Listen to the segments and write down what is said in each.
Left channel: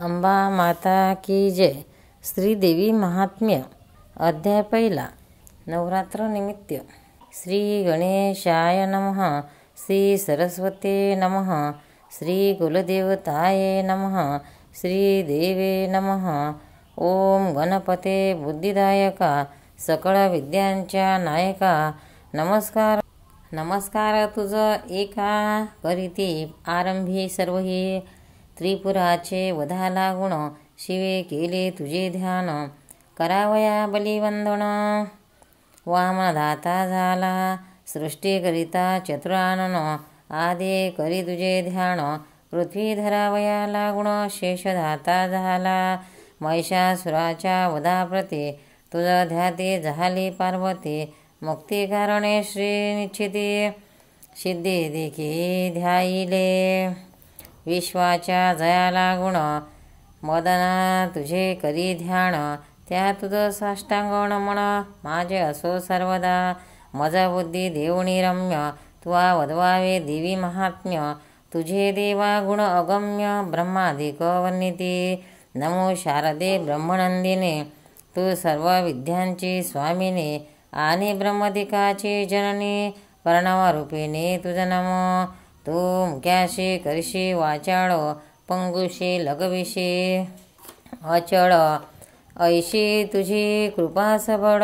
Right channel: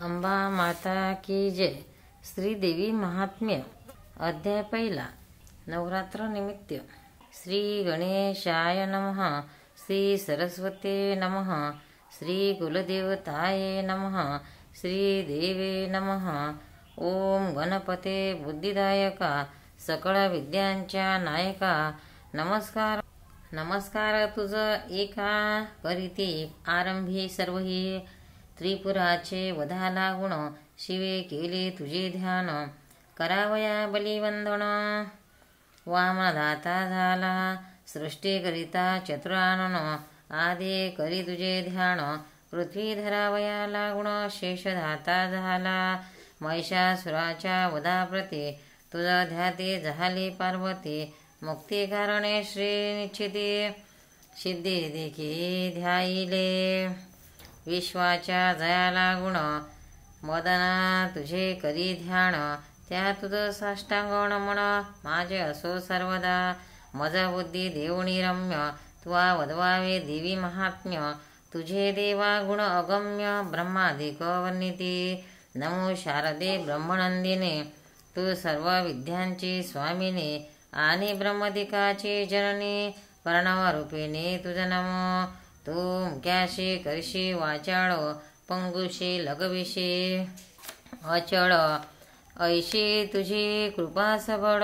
अंबा माता की जय. श्रीदेवी महात्म्य. अध्याय पहिला. नवरात्र निमित्त. श्री गणेशाय नमः. श्री सरस्वते नमः. श्री कुलदेवताय नमः. श्री देवे नमः. ओम गणपते बुद्धिदायका सकळ विद्यांच्या नायका. नमस्कार नमस्कार तुझ एका करीती आरंभी सर्वही. त्रिपुराचे वधाला गुण शिवे केले तुझे ध्यान. करावया बलिवंदन वामनदाता झाला. सृष्टीकरिता चतुरानन आदे करी तुझे ध्यान. पृथ्वी धरावया लागुण शेषधाता झाला. महिषासुराच्या वधाप्रती तुझा ध्याते झाली पार्वती. मुक्ती कारणे श्री निश्चिती सिद्धी देखी ध्याईले. विश्वाच्या जयाला गुण मदना तुझे करी ध्यान. त्या तुझ साष्टांग नमन माझे असो सर्वदा. मजा बुद्धी देऊणी रम्य तुवा वदवावे देवी महात्म्य. तुझे देवा गुण अगम्य ब्रह्मादिक वर्णिती. नमो शारदे ब्रह्मनंदिने तू सर्व विद्यांची स्वामिने. आणि ब्रह्मदिकाची जननी प्रणवरूपिणी तुझ नमो. तू मुक्याशी करशी वाचाळ पंगुशी लगविशी अचळ. ऐशी तुझी कृपा सबळ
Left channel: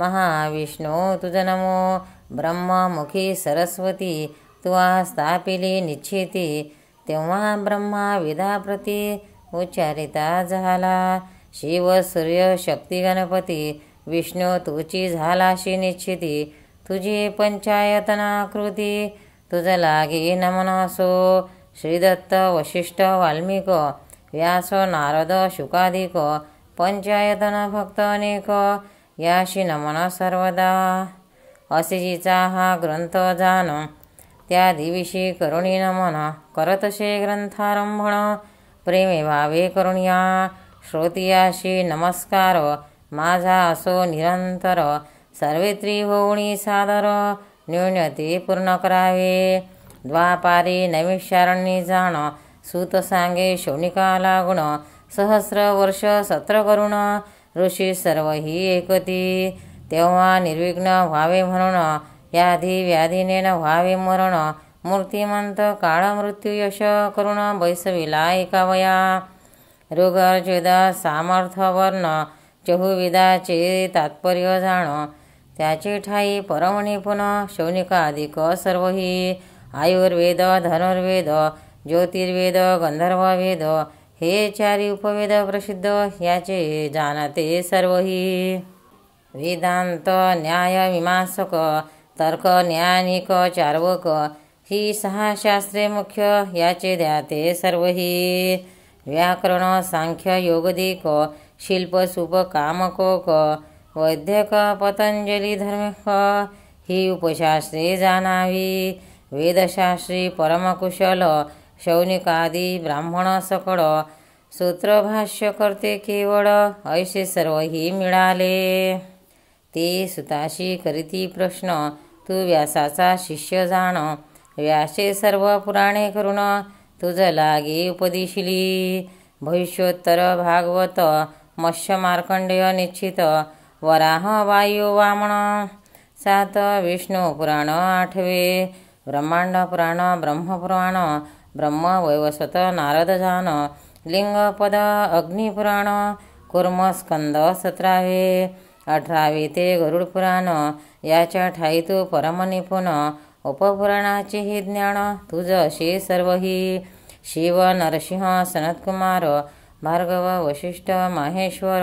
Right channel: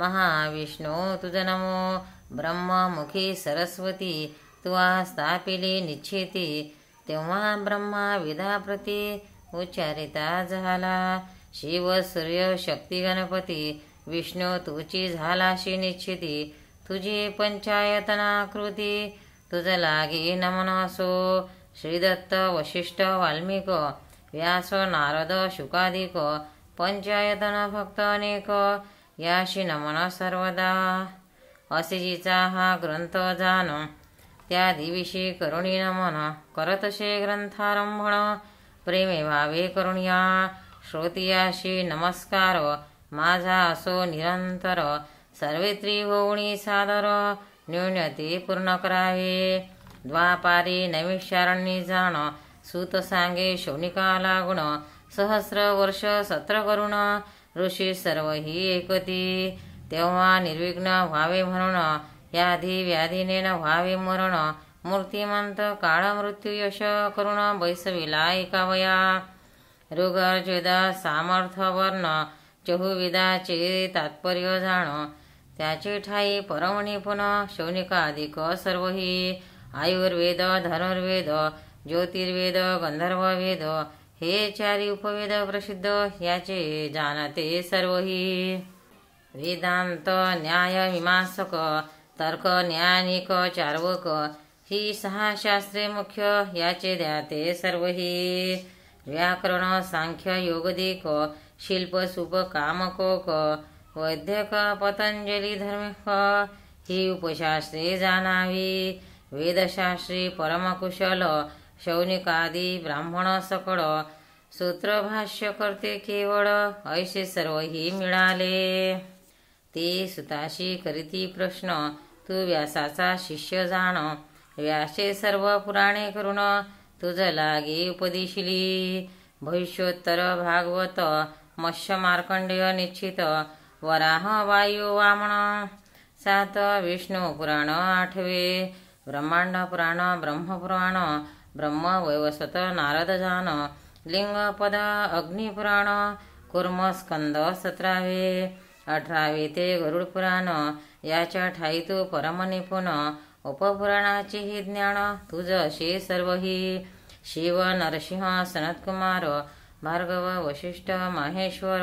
महाविष्णू तुझ नमो. ब्रह्ममुखी सरस्वती तुवा स्थापिली निश्चिती. तेव्हा ब्रह्मा वेदाप्रती उच्चारिता झाला. शिव सूर्य शक्ती गणपती विष्णू तुझी झालाशी निश्चिती. तुझी पंचायतनाकृती तुझ लागे नमन असो. श्रीदत्त वशिष्ठ वाल्मिक व्यास नारद शुकादिक पंचायतन भक्त अनेक याशी नमन सर्वदा. असिजीचा हा ग्रंथ जान त्या दिविशी करुणी नमन. करतसे ग्रंथारंभण प्रेमे भावे करुणिया. श्रोतियाशी नमस्कार माझा असो निरंतर. सर्वेत्री होऊनी सादर न्यूनते पूर्ण करावे. द्वापारी नैमिषारण्य जाण सूत सांगे शौनिका लागुण. सहस्र वर्ष सत्र करुण ऋषी सर्व ही एकती. तेव्हा निर्विघ्न व्हावे म्हणून याधी व्याधीने न व्हावे मरण. मूर्तिमंत काळ मृत्यू यश करुण बैसविला एकावया. ऋग्यजुर्वेद सामर्थ्य वर्ण चहुविदाचे तात्पर्य जाण. त्याचे ठाई परमनिपुण शौनिकादिक सर्वही. आयुर्वेद धनुर्वेद ज्योतिर्वेद गंधर्ववेद हे चारी उपवेद प्रसिद्ध याचे जाणते सर्वही. वेदांत न्याय मीमांसक तर्क ज्ञानिक चार्वक ही सहा शास्त्रे मुख्य याचे ध्याते सर्वही. व्याकरण सांख्य योगदिक शिल्प सुप कामकोक वैद्यक पतंजली धर्मिक ही उपशास्त्रे जाणावी. वेदशास्त्री परमकुशल शौनिकादी ब्राह्मण सकळ. सूत्रभाष्य करते केवळ ऐसे सर्व ही मिळाले. ते सुताशी करीती प्रश्न तू व्यासाचा शिष्य जाण. व्यासे सर्व पुराणे करून तुझ लागे उपदेशिली. भविष्योत्तर भागवत मत्स्य मार्कंडेय निश्चित. वराह वायू वामन 7 विष्णू पुराण 8 ब्रह्मांड पुराण ब्रह्मपुराण ब्रह्म वैवस्वत नारद जान. लिंगपद अग्निपुराण कुर्म स्कंद 17 18 ते गरुड पुराण. याच्या ठाई तू परमनिपुण उपपुराणाचे हे ज्ञान तुझ असे सर्वही. शिव नरसिंह सनतकुमार भार्गव वशिष्ठ माहेश्वर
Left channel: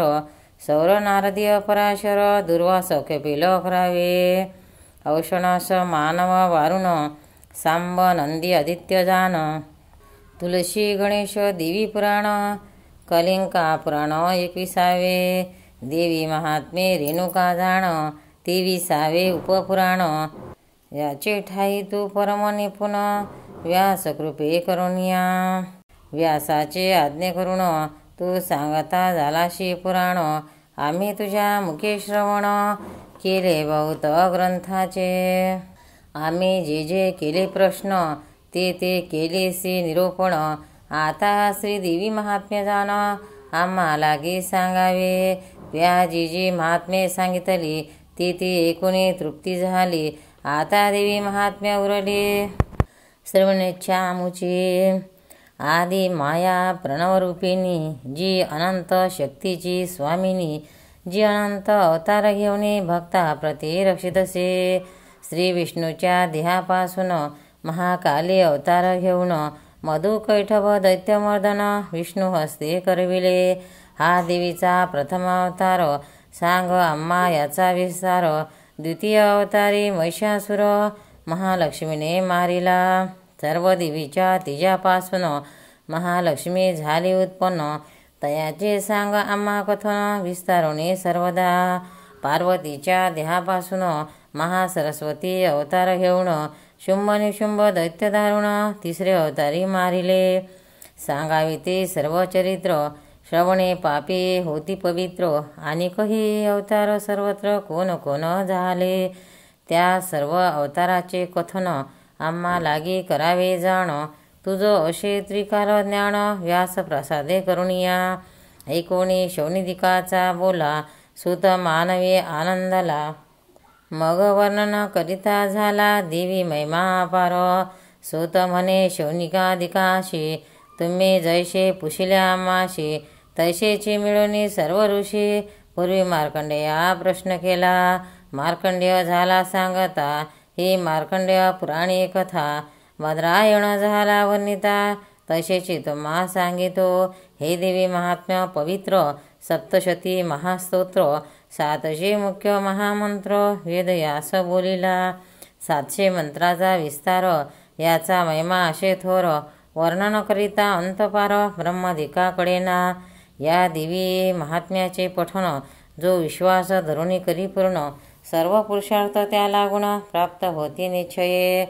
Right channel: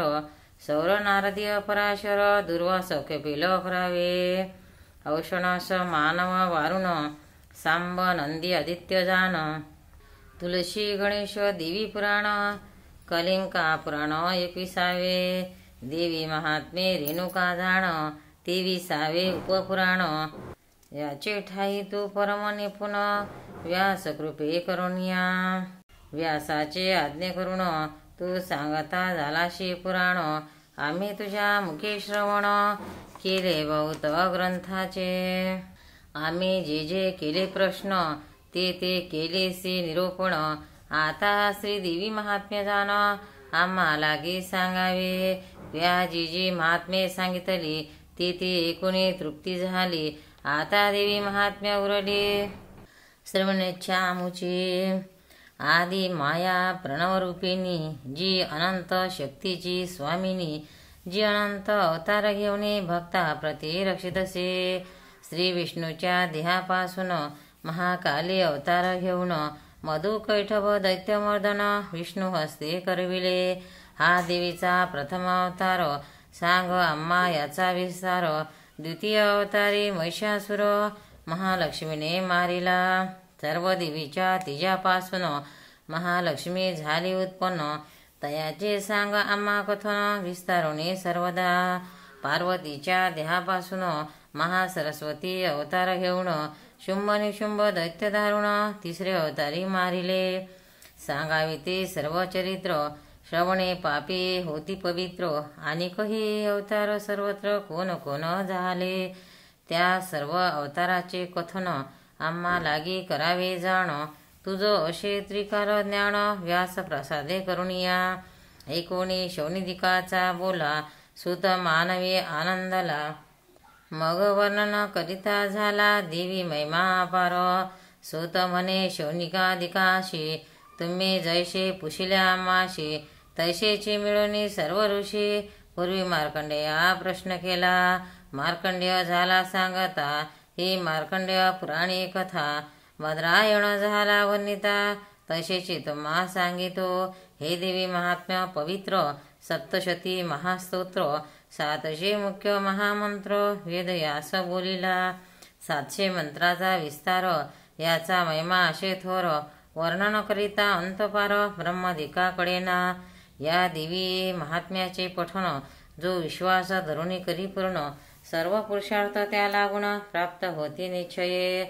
सौर नारदीय पराशर दुर्वास कपिल 11 औषणास मानव वारुण सांब नंदी आदित्य जान. तुलसी गणेश देवी पुराण कलिंका पुराण 21 देवी महात्मे रेणुका जाण 23 उपपुराण. याचे ठाई तू परमनिपुण व्यास कृपे करुणिया. व्यासाचे आज्ञे करून तू सांगता झालाशी पुराण. आम्ही तुझ्या मुखे श्रवण केले बहुत ग्रंथाचे. आम्ही जे जे केले प्रश्न ते ते केलेसे निरूपण. आता श्रीदेवी महात्म्य जाण आम्हा लागी सांगावे. व्याजी जी महात्म्ये सांगितली ती ती ऐकून तृप्ती झाली. आता देवी महात्म्य उरले श्रवणेच्छा मुची. आदी माया प्रणवरूपिणी जी अनंत शक्तीची स्वामिनी, जी अनंत अवतार घेऊन भक्ता प्रति रक्षितसे. श्री विष्णूच्या देहापासून महाकाली अवतार घेऊन मधुकैठभ दैत्यमर्दन विष्णू हस्ते करविले. हा देवीचा प्रथम अवतार सांग आम्हा याचा विस्तार. द्वितीय अवतारी महिषासुर महालक्ष्मीने मारिला. सर्व देवीच्या तिच्यापासून महालक्ष्मी झाली उत्पन्न, तयाचे सांग आम्हा कथन विस्तारोने सर्वदा. पार्वतीच्या देहापासून महासरस्वती अवतार घेऊन शुंभ निशुंभ दैत्य दारुण तिसरे अवतारी मारिले. सांगावे ते सर्व चरित्र श्रवणे पापी होती पवित्र. आणि काही अवतार सर्वत्र कोण कोण झाले, त्या सर्व अवताराचे कथन आम्हा लागी करावे जाण. तुझ असे त्रिकाल ज्ञान व्यास प्रसादे करुणिया. ऐकोणी शौनिदिकाचा बोला सुत मानवी आनंदला. मग वर्णन करिता झाला देवी महिमा अपार. सुत म्हणे शौनिकादिकाशी तुम्ही जैसे पुशिल्या आम्हाशी, तैसेची मिळवणी सर्व ऋषी. पूर्वी मार्कंडेया प्रश्न केला, मार्कंडेय झाला सांगता ही मार्कंडेय पुराणी कथा. मद्रायण झाला वर्णिता तसेची तुम्हा सांगितो. हे देवी महात्म्य पवित्र सप्तशती महास्तोत्र. 700 मुख्य महामंत्र वेद यास बोलिला. 700 मंत्राचा विस्तार याचा महिमा असे थोर. वर्णन करिता अंतपार ब्रह्मादिकाकडे ना. या देवी महात्म्याचे पठण जो विश्वास धरुणी करी पूर्ण, सर्व पुरुषार्थ त्या लागून प्राप्त होती निश्चये.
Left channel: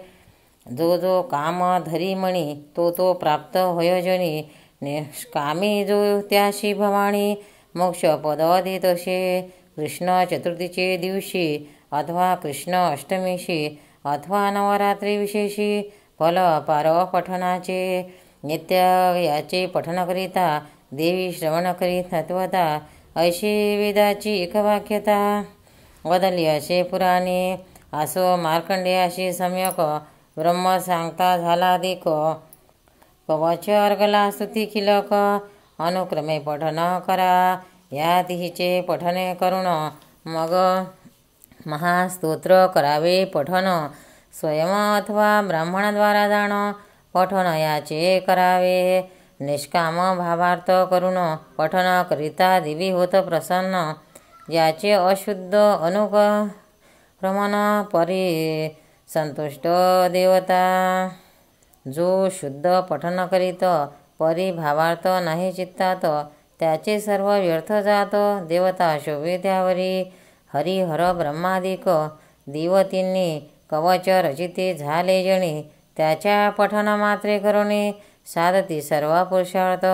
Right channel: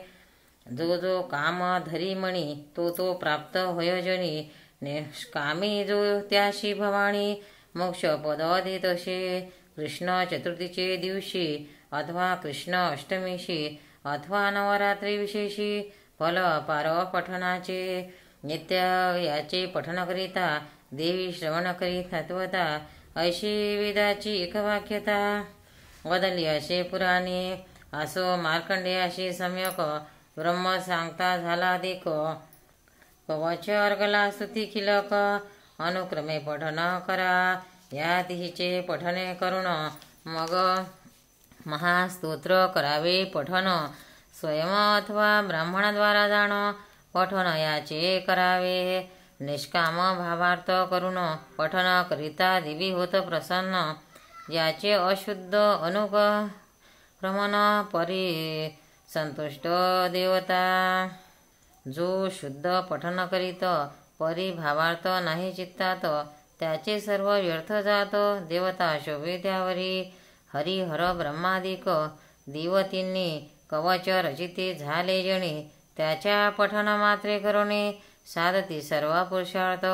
जो जो काम धरी मणी तो तो प्राप्त होयोजनी. निष्कामी जो त्याशी भवानी मोक्ष पद देतसे. कृष्ण चतुर्थीचे दिवशी अथवा कृष्ण अष्टमीशी अथवा नवरात्री विशेषी फल अपार पठणाचे. नित्य याचे पठण करिता देवी श्रवण करीत नत्वता. ऐशी वेदाची एकवाक्यता वदली असे पुराणे. असो मार्कंडेयाशी सम्यक ब्रह्म सांगता झाला देख. कवच अर्गला स्तुती किलक अनुक्रमे पठन करा. या तिहीचे पठने करुण मग महास्तोत्र करावे पठन. स्वयं अथवा ब्राह्मणाद्वारा जाण पठन याचे करावे. निष्काम भावार्थ करून पठन करिता देवी होत प्रसन्न. याचे अशुद्ध अनुक्रमण परी संतुष्ट देवता. जो शुद्ध पठन करीत परी भावार्थ नाही चित्तात, त्याचे सर्व व्यर्थ जात. देवता शोभे त्यावरी. हरिहर ब्रह्मादिक देवतींनी कवच रचिते झाले जणी. त्याच्या पठन मात्रे करुणे साधती सर्व पुरुषार्थ.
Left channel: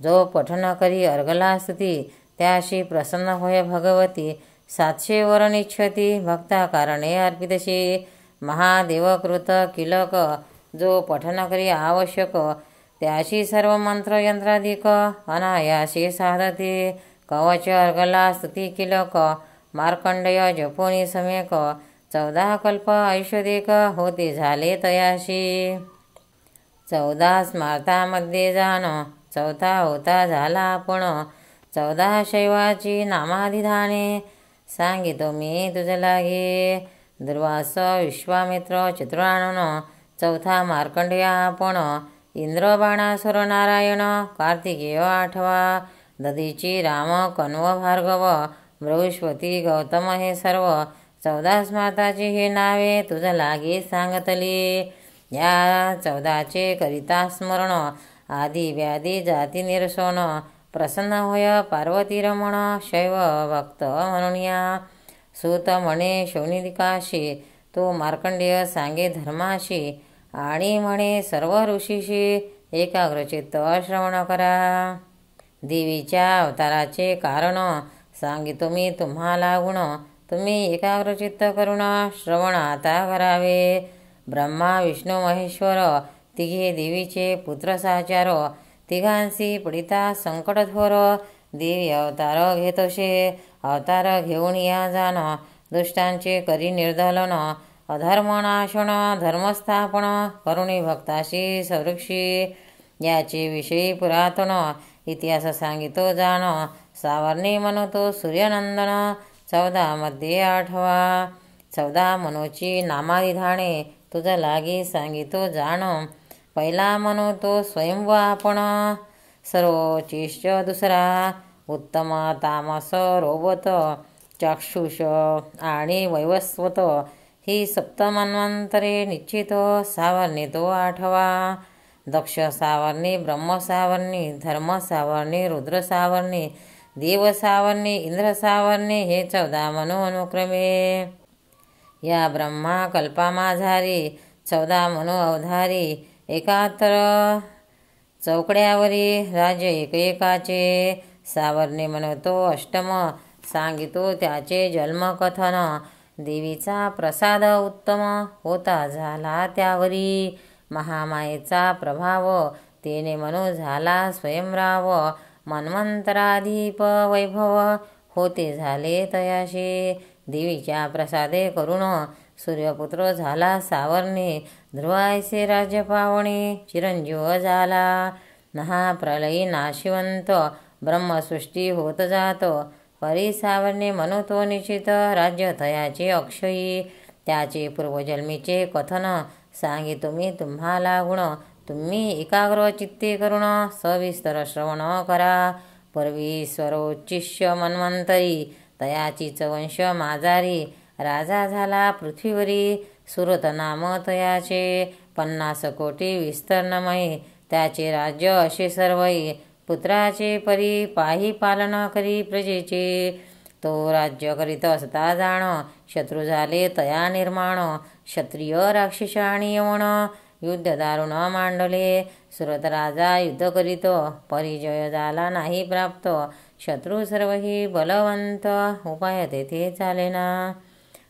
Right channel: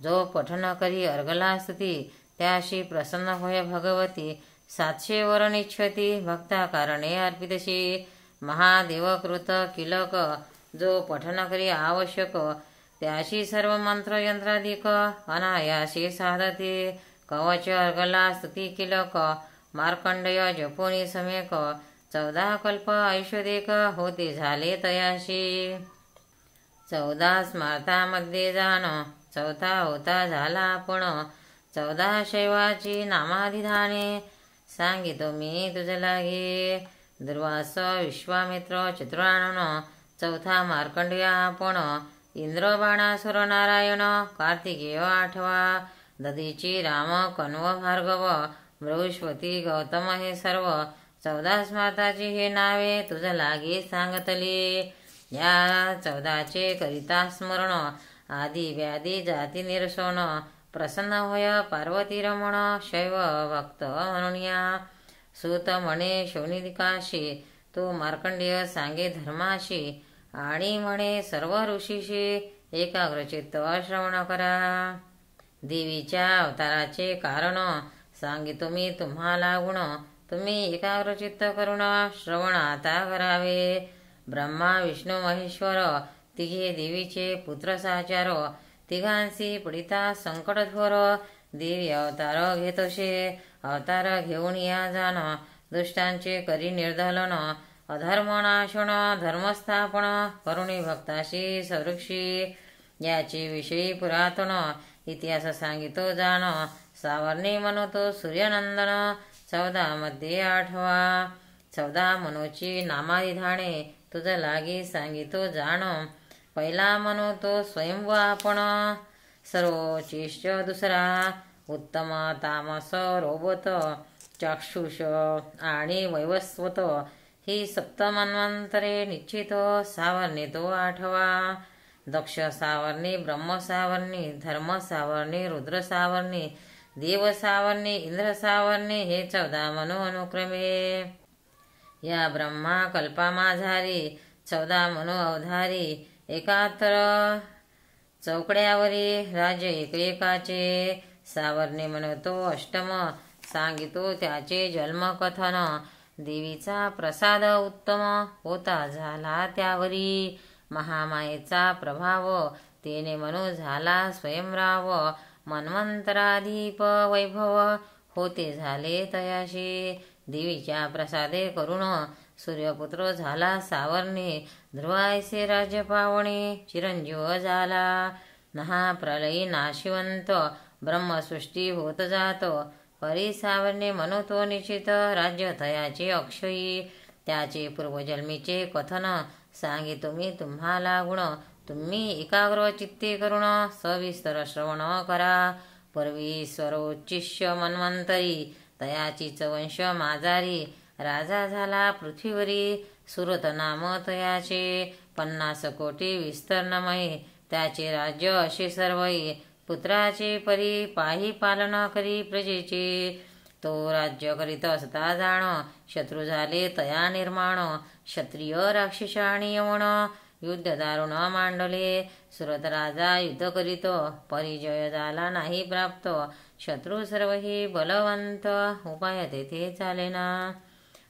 जो पठन करी अर्गला स्तुती त्याशी प्रसन्न होय भगवती. 700 वरण इच्छती भक्ता कारणे अर्पितशी. महादेवकृत किलक जो पठन करी आवश्यक, त्याशी सर्व मंत्र यंत्राधिक अनायासे साधते. कवच अर्गला स्तुती किलक मार्कंडेय जपोनी समेक. 14 कल्प ऐश्वदेक होते झाले तयाशी. 14 स्मार्तामध्ये जाण 14 होता झाला आपण. 14 शैवाची नामाधिधाने सांगितो मी तुझ लागे. दुर्वास विश्वामित्र चतुरानन 14 मार्कंडेय आपण. इंद्र बाणासुर नारायण कार्तिकेय 8वा. दधीची राम कण्व भार्गव बृहस्पती गौतम हे सर्व. 14 स्मार्ताची हे नावे तुझ लागे सांगतली. या 14चे करिता स्मरण आदी व्याधी जाती निरसन. प्रसन्न होय पार्वती रमण शैव भक्त म्हणून या. सूत म्हणे शौनिदिकाशी तो मार्कंडेय सांगे धर्माशी. आणि म्हणे सर्व ऋषीशी एकाग्रचित्त श्रवण करा. देवीच्या अवताराचे कारण सांगितो मी तुम्हाला गुण. तुम्ही एकाग्रचित्त करुण श्रवण आता करावे. ब्रह्मा विष्णू महेश्वर तिघे देवीचे पुत्र सहचारो, तिघांसी पडिता संकटथोर, देवी अवतार घेतोशे, अवतार घेऊन या जाण, दुष्टांचे करी निर्धलन, अधर्मनाशन धर्मस्थापन, करुणी भक्ताशी सदृक्षी. याचे विषयी पुरातन इतिहास सांगितो जाण, सावर्णे म्हणतो सूर्यनंदन. 14 मध्ये 8वा. 14 मनोची नामाधिधाने, तुझ लागी सांगितो जाण. पहिला म्हणतो स्वयंव आपण, सर्वोचिष्ट दुसरा, उत्तम तामस रोबत, चाक्षुष आणि वैवस्वत, ही सप्तमन्वंतरे निश्चित. सावर्णे तो 8वा. दक्ष सावर्णी, ब्रह्म सावर्णी, धर्म सावर्णी, रुद्र सावर्णी, देव सावर्णी, इंद्र सावर्णी, हे 14 मनो अनुक्रमे. या ब्रह्मा कल्पामाझारी 14 मनो अवधारी, एकातर चौकड्यावरी राज्य एकेकाचे. सावर्णे म्हणतो अष्टम, सांगितो त्याचे जन्मकथन. देवीचा प्रसाद उत्तम होता झाला त्यावरी, महामायेचा प्रभाव तेने मनो झाला स्वयंराव. मन्वंतराधीप वैभव होते झाले तयाशी, देवीच्या प्रसादे करुण सूर्यपुत्र झाला सावर्णे. ध्रुवायसे राज्य पावणे, चिरंजीव झाला. महाप्रलयी नाशिवंत, ब्रह्मसृष्टी होत जात, परी सावर्णे म्हणतो निश्चित. राज्य तयाचे अक्षयी, त्याचे पूर्वजन्मीचे कथन, सांगितो मी तुम्हाला गुण. तुम्ही एकाग्र चित्ते करुण सविस्तर श्रवण करा. पूर्वी स्वरोच्चिष्य मन्वंतरी, तयाचीच वंश माजारी. राजा झाला पृथ्वीवरी, सुरत नाम तयाचे. 50 कोटी विस्तीर्णमयी, त्याचे राज्य असे सर्वई. पुत्राचे परी पाही पालन करी प्रजेचे, तो राज्य करीत असता जाण. शत्रू झाले तया निर्माण, क्षत्रिय राक्षस आणि यवण, युद्ध दारुण मांडले. सुरत राजा युद्ध करीत, परिजय झाला नाही प्राप्त. शत्रू सर्वही बलवंत, उपाय तेथे चालेना.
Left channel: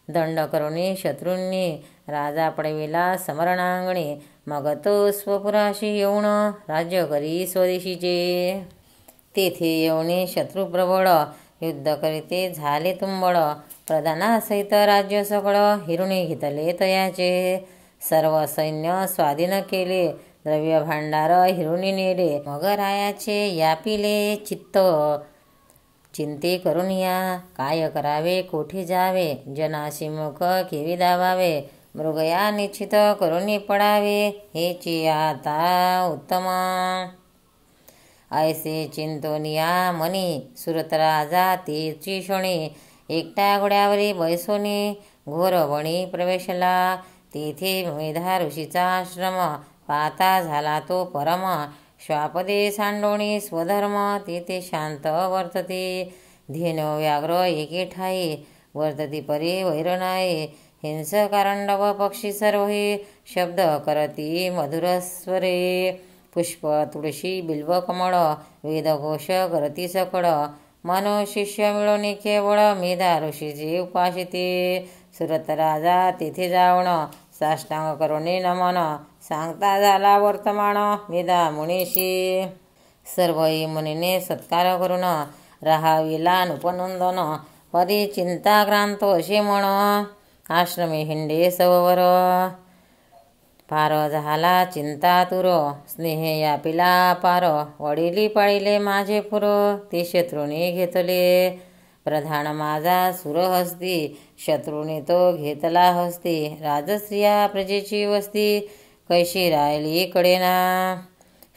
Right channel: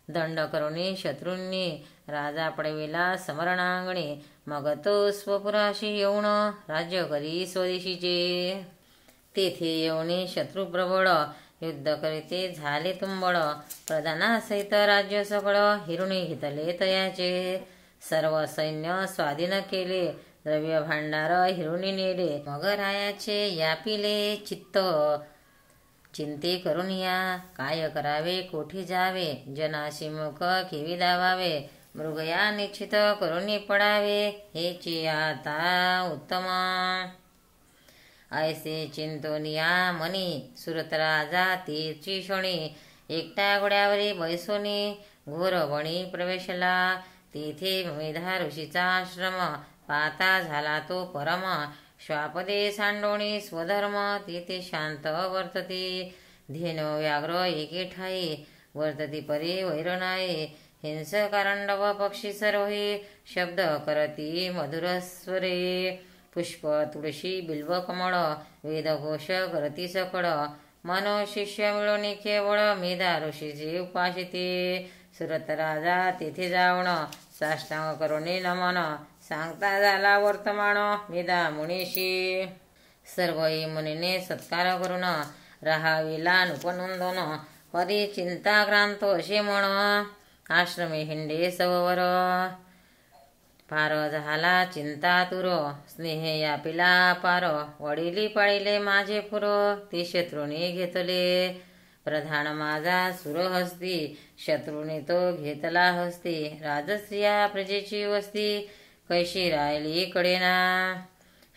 दंड करुणी शत्रूंनी, राजा पडविला समरणांगणी. मग तो स्वपुराशी येऊन, राज्य करी स्वदेशीचे. तेथे येऊन शत्रू प्रबळ, युद्ध करीते झाले तुंबळ. प्रधानासहित राज्य सकळ, हिरुणी घेतले तयाचे. सर्व सैन्य स्वाधीन केले, द्रव्य भांडार हिरुणी नेले. मग रायाचे यापिले चित्त, चिंते करून या. काय करावे कोठे जावे, जनाशी मुख केवी दावावे. मृगया निश्चित करून पडावे, हेची आता उत्तम. ऐसे चिंतोनिया मनी, सुरत राजा तेची शोणी. एकटा घोड्यावरी बैसोनी, घोर वणी प्रवेशला. तेथे मेधा ऋषीचा आश्रम, पाहता झाला तो परम. श्वापदे सांडोणी स्वधर्म, तेथे शांत वर्तते. धेनो व्याघ्र एके ठाई, वर्तती परी वैर नाही. हिंस कारंडव पक्षी सर्वही, शब्द करती मधुरस्वरे. पुष्प तुळशी बिल्व कमळ, वेदघोष करती सकळ. मनो शिष्य मिळवणी केवळ, मेधा ऋषीचे उपासिते. सुरत राजा तेथे जाऊन, साष्टांग करुणी नमन. सांगता झाला वर्तमान, मेधा मुनीशी. सर्वही मुनीने सत्कार करून, राहाविला नुपनंदन. परी चिंताक्रांत असे म्हण, आश्रमे हिंडे सववर. पार झाला चिंतातुर, स्नेह यापिला पार. वडिली पाळिले माझे पुर, ते शत्रूने घेतले. प्रधान माझा सुरहस्ती, शत्रूने तो घेतला हस्ती. राजस्त्रिया प्रजेची वस्ती, कैशी राहिली कडेना.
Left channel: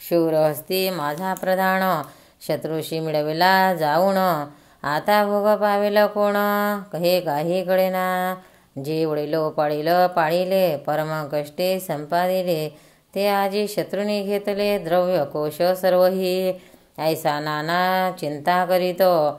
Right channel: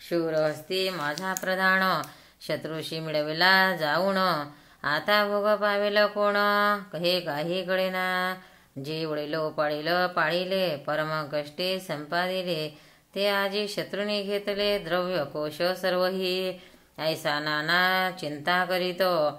शूरहस्ती माझा प्रधान, शत्रूशी मिळविला जाऊन. आता भोग पावेल कोण, हे काही कळेना. जे वडिलो पाळिले, परम कष्टे संपादिले. ते आजी शत्रूने घेतले, द्रव्य कोश सर्वही. ऐसा नाना चिंता करीतो,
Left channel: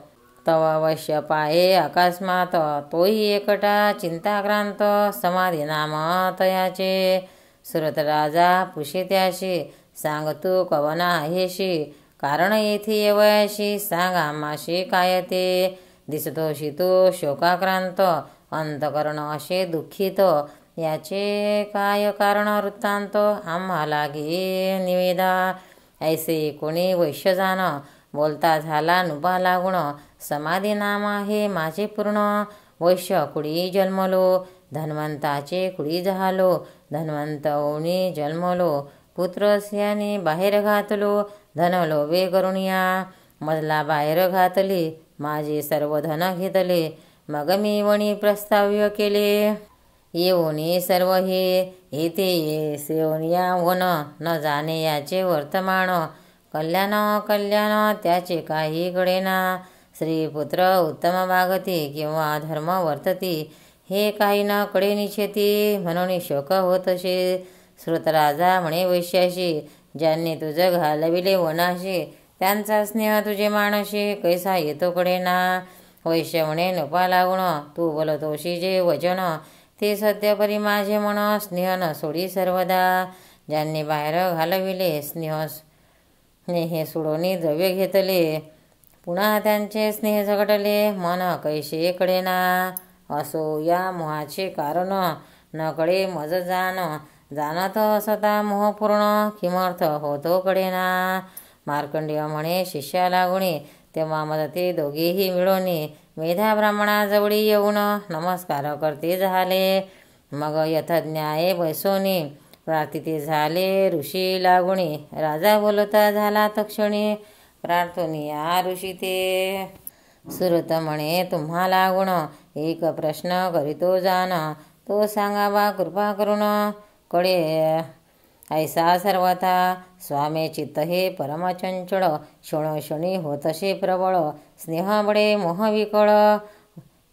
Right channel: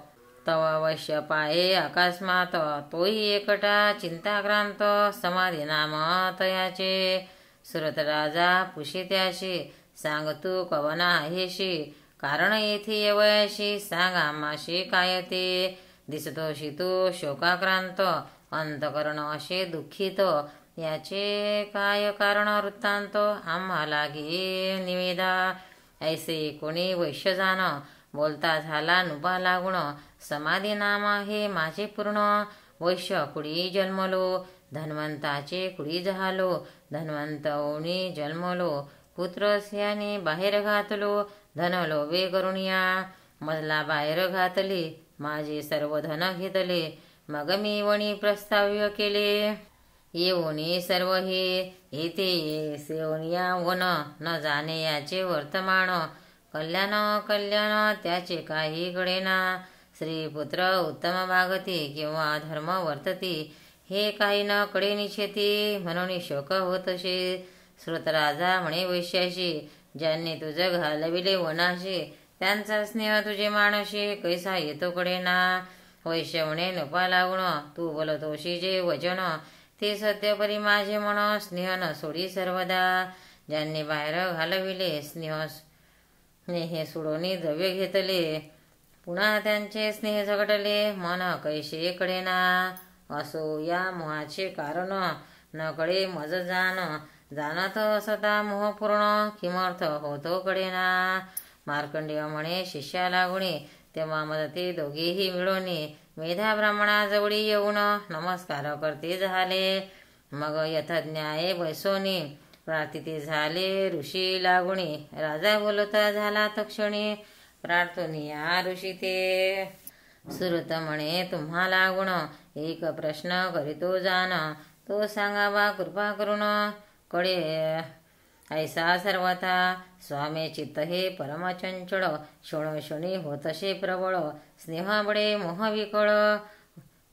तव अवश्य पाये अकस्मात. तोही एकटा चिंताक्रांत, समाधी नाम तयाचे. सुरत राजा पुषे त्याशी, सांग तू कवना आहेशी. कारण येथे येवयाशी, सांग आम्हाशी काय ते. दिसतोशी तू शोकाक्रांत, अंतकरण असे दुःखित. याचे काय कारण वृत्तांत आम्हाला घे निवेदा. ऐसे कोणी वैश्य जाण बोलता झाला नुबा लागुण. समाधी नाम आहे माझे पूर्ण. वैश्य कुडी जन्मलो धन्वंताचे कुडी झालो. धन्वंत ओणी जन्मलो पुत्र स्याने बाहेर घातलो. धन लोभे करुणिया मजला बाहेर घातले. माझे सर्व धन घेतले मग मी वणी प्रस्ताव्य केले. येऊनी सर्व हे येते सेवनिया वन न जाणे याचे वर्तमान. कल्याण कल्याण त्याचे काही कळेना. श्रीपुत्र उत्तम वागती किंवा धर्म वर्तती हे काही न कळे निश्चिती. म्हणून शोक होतसे. श्रुतराजा म्हणे वैश्याशी ज्यांनी तुझं घालविले वनाशी त्यांचा स्नेह तुझे मानशी कैसा येतो कळेना. वैश्य म्हणे नपा लागुण तू बोलतोशी जे वचन ते सत्य परी माझे मन. स्नेह न सोडी सर्वदा ज्यांनी बाहेर घालविले स्नेह सोडोनी द्रव्य घेतले. पुन्हा त्यांचे स्नेह झगडले मन कैसे कळेना. असो या मोहाचे कारण न कळे मज जाण. जाणत सदा मोह पूर्ण किमर्थ होतो कळेना. मार्कंडेय म्हणे शिष्या लागुणे तेव्हा मदते दोघेही मिळवणे. मेधा ब्राह्मणाजवळी येऊन नमस्कार करते झाले. मग यथज्ञाये बैसोने प्रार्थिते झाले ऋषी लागुणे. राजा बोलता झाला तक्षणी प्रार्थनिया ऋषी ते. सुरत म्हणे तुम्हा लागुण एक प्रश्न करीतो जाण. तो सांगावा कृपा करून कडे ऐसा सर्वथा. स्वामी चित्त हे परमचंचळ क्षणोक्षणी होतसे प्रबळ. स्नेह बडे मोह विकळ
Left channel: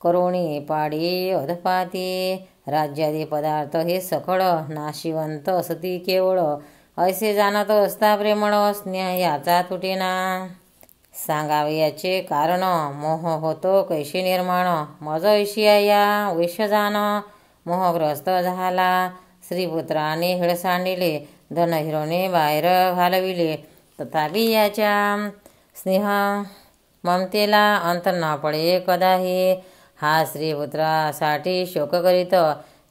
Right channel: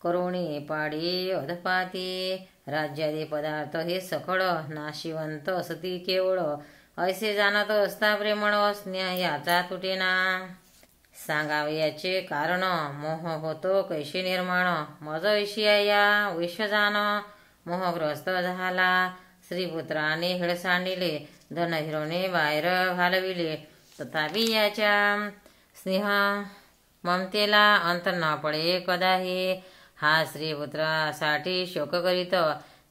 करुणी पाडी अधपाती. राज्यादी पदार्थ हे सकळ नाशिवंत असती केवळ. ऐसे जाणत असता प्रेमळ स्नेह याचा तुटेना. सांगावे याचे कारण मोह होतो कैशी निर्माण. मज ऐशिया या वैश्य जाण मोहग्रस्त झाला. श्रीपुत्राने हिळसांडिले धन हिरोने बाहेर घालविले. तथापि याच्या स्नेह ममतेला अंत न पडे कदाही. हा श्रीपुत्रासाठी शोक करीत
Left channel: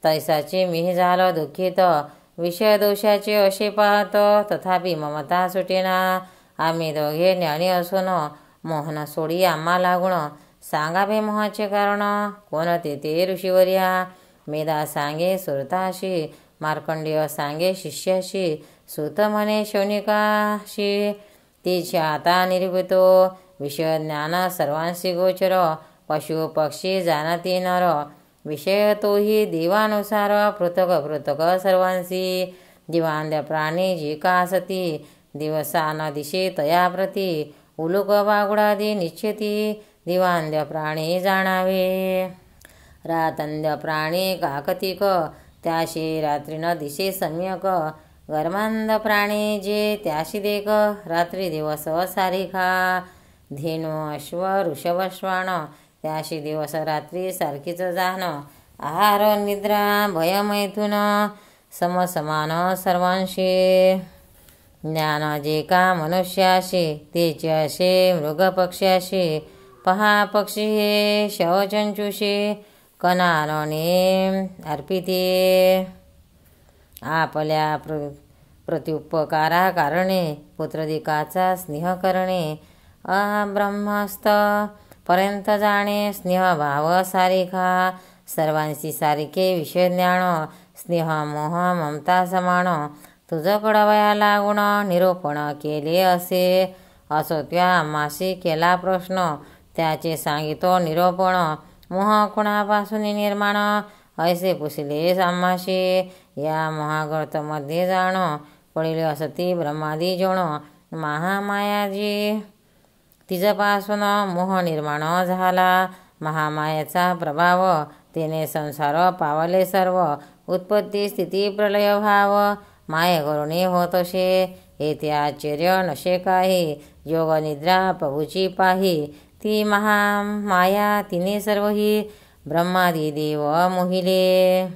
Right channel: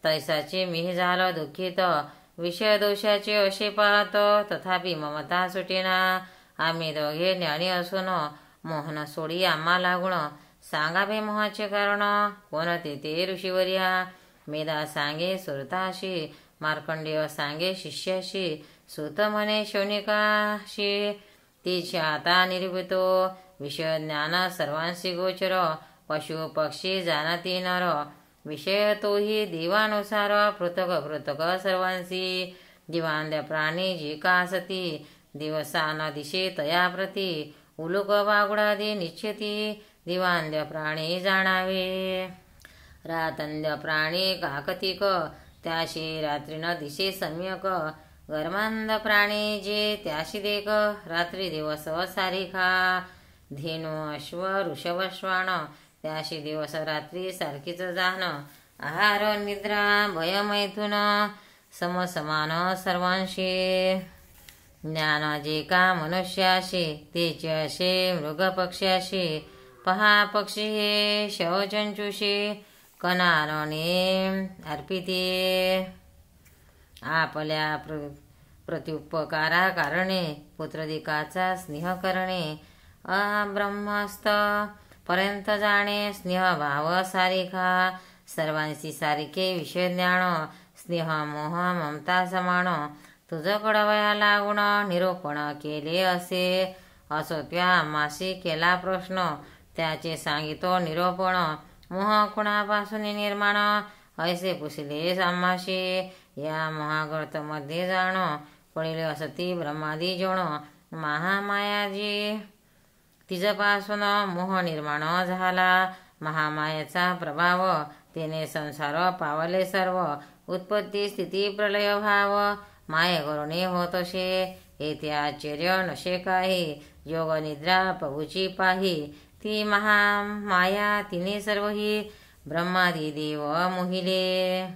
तैसाचे मी झालो दुःखित. विषय दोषाचे असे पाहत तथापि ममता सुटेना. आम्ही दोघे ज्ञानी असून मोहन सोडी आम्हा लागुण. सांगावे मोहाचे कारण कोणते ते ऋषीवर्या. मेधा सांगे सुरताशी मार्कंडेय सांगे शिष्याशी. सुत म्हणे शौनिकाशी तिच्या आता निर्भूतो. विषय ज्ञान सर्वांशी गोचर पशु पक्षी जाणती नर. विषय तोही देवानुसार पृथक पृथक सर्वांशी. दिवांद्य प्राणी जी का सती दिवसा न दिशे तया प्रती. उलुक बागुडादी निश्चिती दिवांद्य प्राणी जाणावे. रातंद्य प्राणी काकतिक त्याशी रात्री न दिशे सम्यक. गर्मांध प्राणी जे त्याशी देख रात्री दिवस सारिखा. धेनु अश्व ऋषभ श्वान त्याशी दिवस रात्री सारखीच जाण. आहार निद्रा भय मैथुन समसमान सर्वांशी. ज्ञान जे का मनुष्याशी तेचे असे मृग पक्ष्याशी. पहा पक्षी हे शवचंचुशी कणाने अर्पिते. आपल्या प्रत्युपकारा कारणे पुत्रदिकाचा स्नेह करणे. अब्रह्मस्थ पर्यंत जाणे स्नेह भाव सारिखा. सर्वांशी सारिखे विषय ज्ञान. स्नेह मोह ममता समान. तुझ कळवया लागुण निरूपण केले असे. असो त्या आम्हाशी केला प्रश्न त्याचे सांगितो निरूपण. मोह कुणापासून निर्माण ऐसे पुसले आम्हाशी. या महागर्त मध्ये जाण पडिले असती ब्रह्मादी जण. महामायाजी तिजपासून मोह निर्माण झाला. महामायाचा प्रभाव तिने संसार पावले सर्व. उत्पत्ती स्थिती प्रलय भाव माये करुणी होतसे. येथे आश्चर्य नशे काही. योग निद्रा प्रभूची पाही. ती महामाया तिने सर्वही ब्रह्मादी देव मोहिले.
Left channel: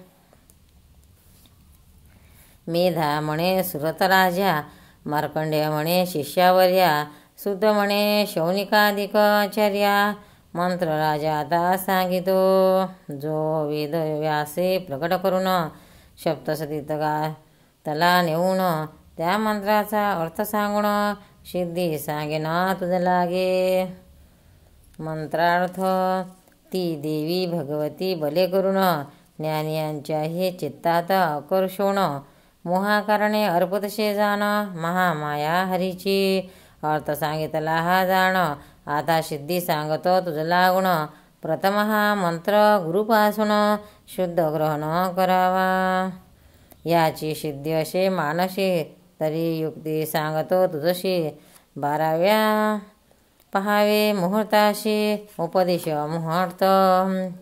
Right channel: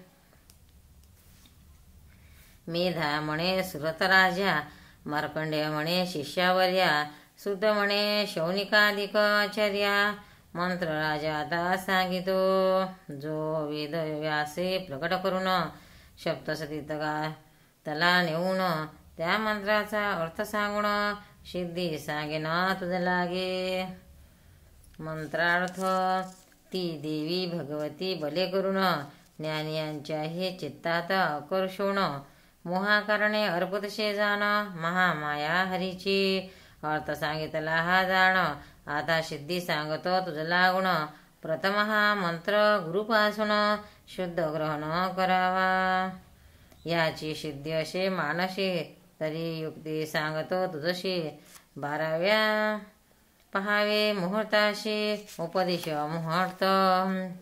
मेधा म्हणे सुरतराजा. मार्कंडेय म्हणे शिष्यावर्या. सुत म्हणे शौनिकाधिक आचार्या. मंत्र राजा आता सांगितो जो वेद व्यासे प्रकट करून सप्तसतीत तला नेऊन त्या मंत्राचा अर्थ सांगून सिद्धी सांगेन तुझ लागे. मंत्रार्थ ती देवी भगवती भले करून ज्ञानियांच्याही चित्तात आकर्षण मोहाकारणे अर्पतशे जाण महामाया हरीची. अर्थ सांगितला हा जाण आता सिद्धी सांगतो तुझ लागून. प्रथम हा मंत्र गुरुपासून शुद्ध ग्रहण करावा. याची सिद्धी असे मानशी तरी युक्ती सांगतो तुझशी. 12व्या पहावे मुहूर्ताशी उपदेश मुहूर्त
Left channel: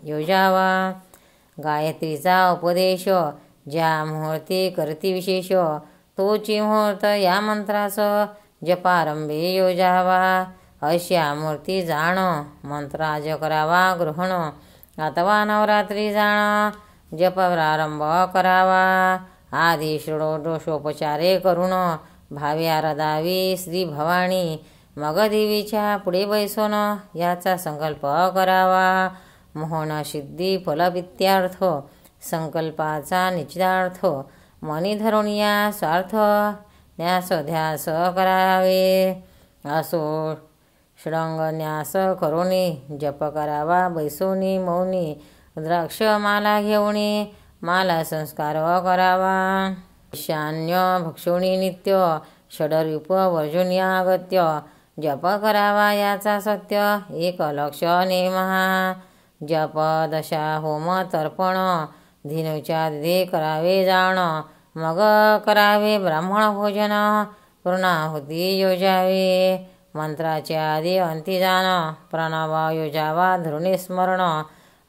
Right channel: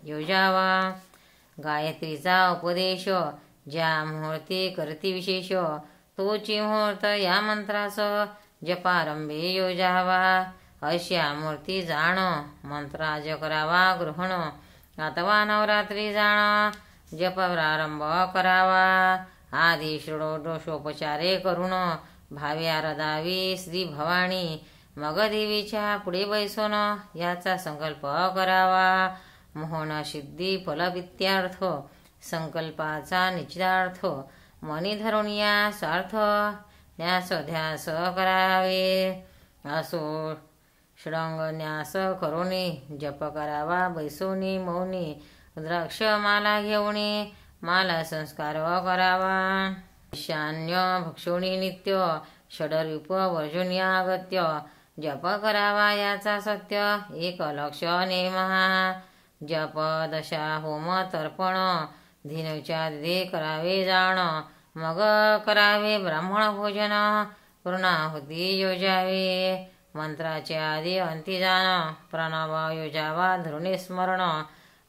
योजावा. गायत्रीचा उपदेश ज्या मुहूर्ती करती विशेष तोची मुहूर्त या मंत्रास जपारंभे योजावा. अशा मूर्ती जाण मंत्राज करावा ग्रहण अथवा नवरात्री जाण जप प्रारंभ करावा. आधी षोडशोपचारे करून भावी आराधावी श्री भवानी. मग देवीच्या पुढे बैसून याचा संकल्प करावा. मोहन सिद्धी फलवित्यार्थ संकल्पाचा निश्चितार्थ मनी धरून या स्वार्थ न्यास ध्यास करावे. असो षडंगन्यास करोनी जप करावा बैसोनी मौनी. द्राक्ष माला घेऊनी माला संस्कार करावा. ईशान्य भक्षोणी नित्य षडरूप वर्जुन्यागत्य जप करावा याचा सत्य एक लक्ष नेमहा. जप दशा होम तर्पण धीनुच्या दिधे करावे जाण. मग करावे ब्राह्मण भोजन पूर्णाहुती योजावे. मंत्राच्या आधी अंती जाण प्रणव योजावा धरुणी स्मरण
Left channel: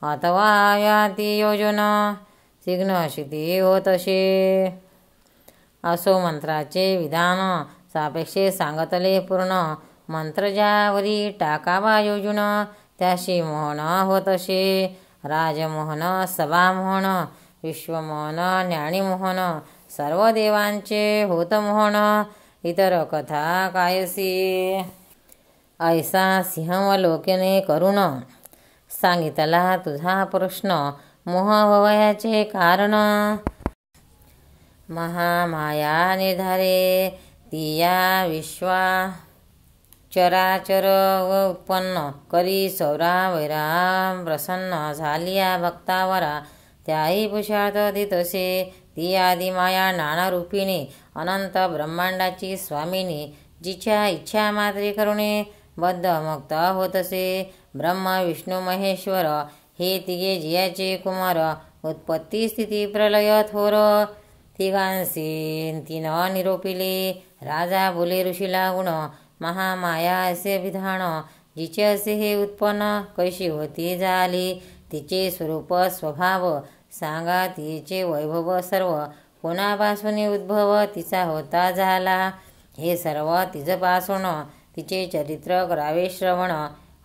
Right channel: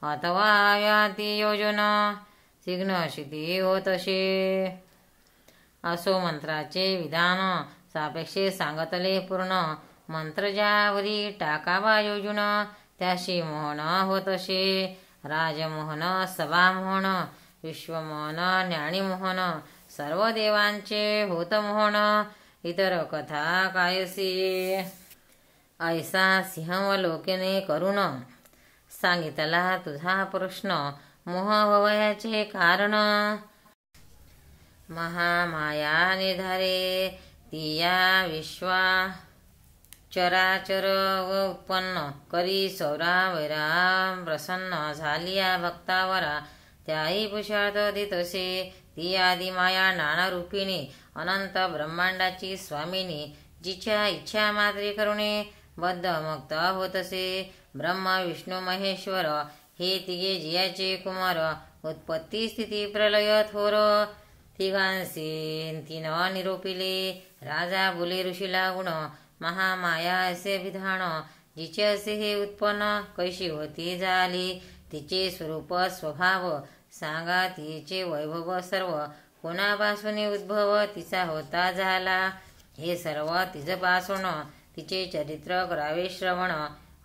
अथवा व्याती योजन सिग्न शिती होतशे. असो मंत्राचे विधान सापेक्षे सांगतले पूर्ण. मंत्र ज्यावरी टाकावा योजून त्याशी मोहन होतशे. राजमोहन सभामोहन विश्वमोहन ज्ञानीमोहन सर्व देवांचे होत मोहन. इतर कथा कायसी ऐसा सिंहावलोकने करून सांगितला तुझा प्रश्न मोहभवयाचे कारण. महामाया निर्धारे ती या विश्वा चराचर व उत्पन्न करी सौरा वैरा प्रसन्न झालिया भक्तावरा. त्याही पुषार्थ दितसे ती आदी माया नाना रूपिणी अनंत ब्रह्मांडाची स्वामिनी. जिच्या इच्छा मात्रे करुणे बद्ध मुक्त होतसे. ब्रह्म विष्णू महेश्वर हे तिघे जियाचे कुमार. उत्पत्ती स्थिती प्रलय थोर तिघांसी तीन निरोपिले. राजा बोले ऋषी लागुण महामाया असे विधान. जिचे असे हे उत्पन्न कैशी होती झाली तिचे स्वरूप स्वभाव सांगा. तिचे वैभव सर्व कोणापासून उद्भव तिचा होता झाला. हे सर्व तिजपासून तिचे चरित्र करावे श्रवण.